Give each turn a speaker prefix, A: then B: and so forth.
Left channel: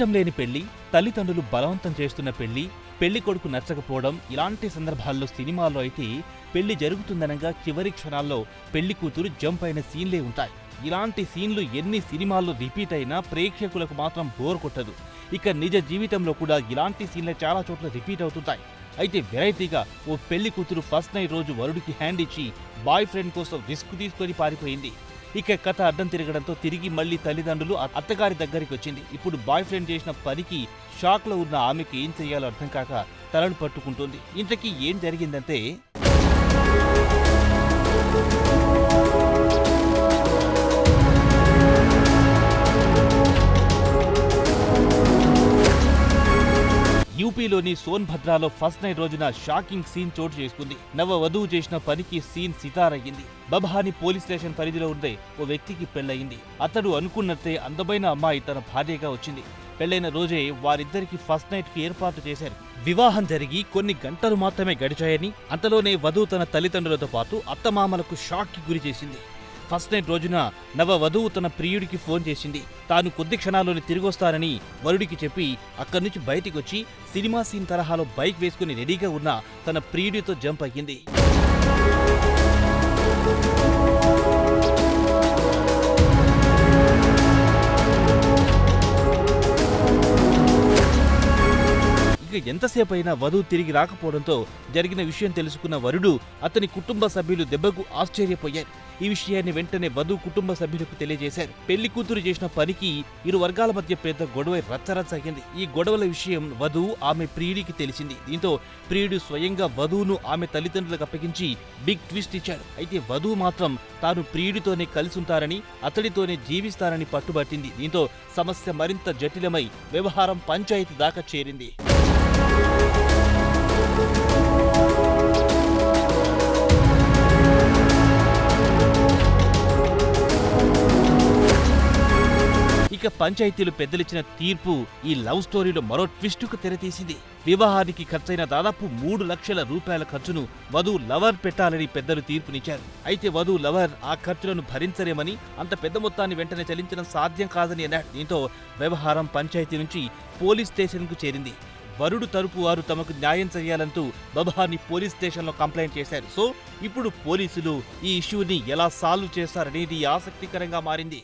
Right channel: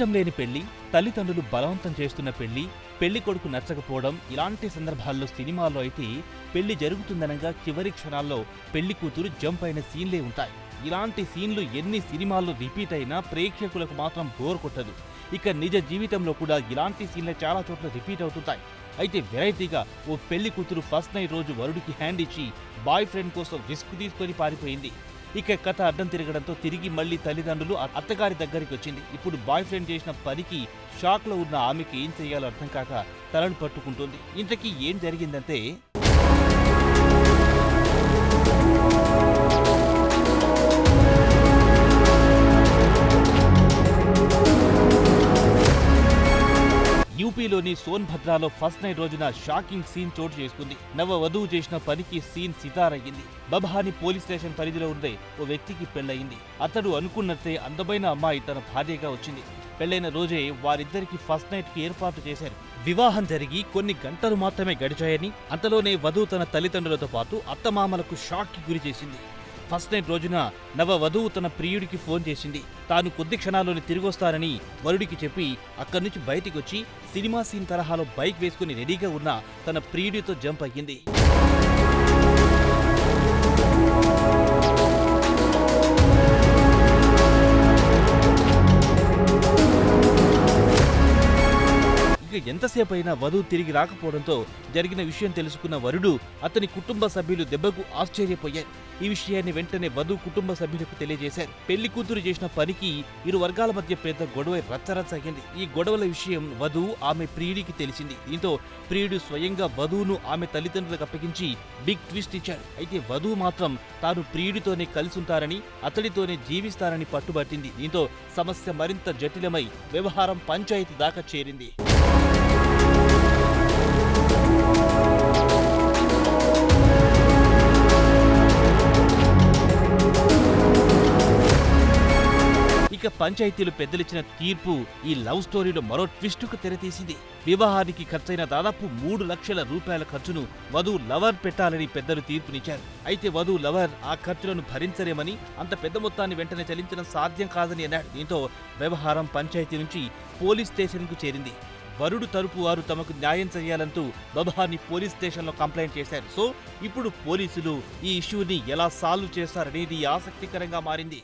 A: ఇష్టం లేని పెళ్ళి తల్లిదండ్రులు బలవంతం చేస్తున్న పెళ్ళి పెళ్ళి కొడుకు నచ్చకపోవడం ఇలాంటి సందర్భాల్లో సినిమాల్లో అయితే పెళ్ళి జరుగుతుందనగా చివరి క్షణాల్లో పెళ్ళి కూతురు జంప్ అయిన సీన్లే ఉంటాయి. ఇలాంటి సీన్లు ఎన్ని సినిమాల్లో రిపీట్ అయినా ప్రేక్షకులకు మాత్రం బోర్ కొట్టదు. ఇక నిజ జీవితంలో కూడా ఇలాంటి సీన్లే చాలా చోట్ల రిపీట్ అవుతుంటాయి. అయితే వెరైటీగా ఓ పెళ్ళి కూతురు ఫస్ట్ నైట్ రోజు వరుడికి హ్యాండ్ ఇచ్చి బాయ్ ఫ్రెండ్ కోసం రిస్క్ తీసుకొని పారిపోయింది. ఇక కథ అడ్డం తిరగడంతో తిరిగి మళ్ళీ తల్లిదండ్రులు అత్తగారి దగ్గరికి వచ్చింది. ఇప్పుడు బాయ్ ఫ్రెండ్ చేసిన పనికి షాక్లో ఉన్న ఆమెకి ఏం చేయాలో అర్థం కాక తలను పట్టుకుంటుంది. ఇంతకీ ఏం జరిగిందంటే యూపీలోని సోన్భద్రాలో ఫస్ట్ నైట్ రోజున షాకింగ్ సీన్ చోటు చేసుకుంది. నవ వధువు చేసిన పనికి సీన్ సితారయ్యింది. బబహాని పోలీస్ స్టేషన్ పరిధిలో ఉండే ఓ వ్యక్తికి పెళ్ళయింది అతడు అనుకున్నట్టే అందమైన అమ్మాయి తన భార్యగా వచ్చింది. పెళ్ళైన రోజే వారిద్దరికి ఫస్ట్ నైట్కి ఏర్పాటు చేశారు. వివాహం జరిగి కొన్ని గంటలు మాత్రమే గడిచాయని అంతలోనే వధువు తన తల్లిదండ్రులతో పాటు అత్తమామలకు షాక్కి గురి చేసింది. ఫస్ట్ నైట్ రోజున నవ వధువు తన ప్రియుడికి ఫోన్ చేసింది. తాను కొద్ది క్షణాల్లోనే తిరిగొస్తానని వరుడికి చెప్పి అక్కడి నుంచి బయటికి వచ్చి సినిమా సీన్ తరహాలో బైక్ వేసుకుని రెడీగా ఉన్న తన ప్రియుడితో జంప్ అయ్యింది. ఇక ఎంతసేపు అయినా వధువు తిరిగి రాకపోవడంతో జరిగిన విషయం తెలుసుకున్న వరుడు అతని కుటుంబ సభ్యులు దెబ్బకు ఆశ్చర్యపోయారు. ఈ విషయాన్ని వెంటనే వధువు కుటుంబ సభ్యులకు తెలియజేశారు. పెళ్ళి కూతురు చేసిన పనికి ఇరు వర్గాల మధ్య పెద్ద గొడవ రచ్చరచ్చ అయ్యింది. ఈ గొడవల విషయం వధువు ఆమె ప్రియుడికి తెలిసింది. దీంతో ప్రియుడు స్వయంగా వధువును ఆమె తల్లిదండ్రులకు అప్పగించి బిగ్ ట్విస్ట్ ఇచ్చాడు. అయితే వధువు మాత్రం తాను ప్రియుడితోనే కలిసి ఉంటారని అతడితోనే జీవిస్తారని పట్టుబట్టింది. దీంతో సమస్య మరింత జటిలమై వ్యవహారం పంచాయతీ దాకా చేరింది. ఇక పంచాయతీలు పెద్దలిచ్చిన తీర్పు ఈ లవ్ స్టోరీలో మరో ట్విస్టుకు తెరతీసింది. వివాహానికి ఖర్చైన దాదాపు మూడు లక్షల రూపాయల ఖర్చును వధువు లవర్ పెట్టాలని పెద్దలు తీర్పునిచ్చారు. అయితే వధువు లవర్ ఆ ఖర్చులను భరించలేమని అంత పెద్ద మొత్తాన్ని వెంటనే చెల్లించడం సాధ్యం కాదని అన్నాడు. దీంతో వ్యవహారం పంచాయతీ నుంచి పోలీస్ స్టేషన్కు చేరింది. వరుడు తరపు వారు తమకు న్యాయం చేయాలంటూ బబహాని పోలీస్ స్టేషన్లో కంప్లైంట్ చేశారు. సో ఇప్పుడు పోలీసులు ఈ ఇష్యూని ఎలా సాల్వ్ చేస్తారనేది ఆసక్తికరంగా మారింది.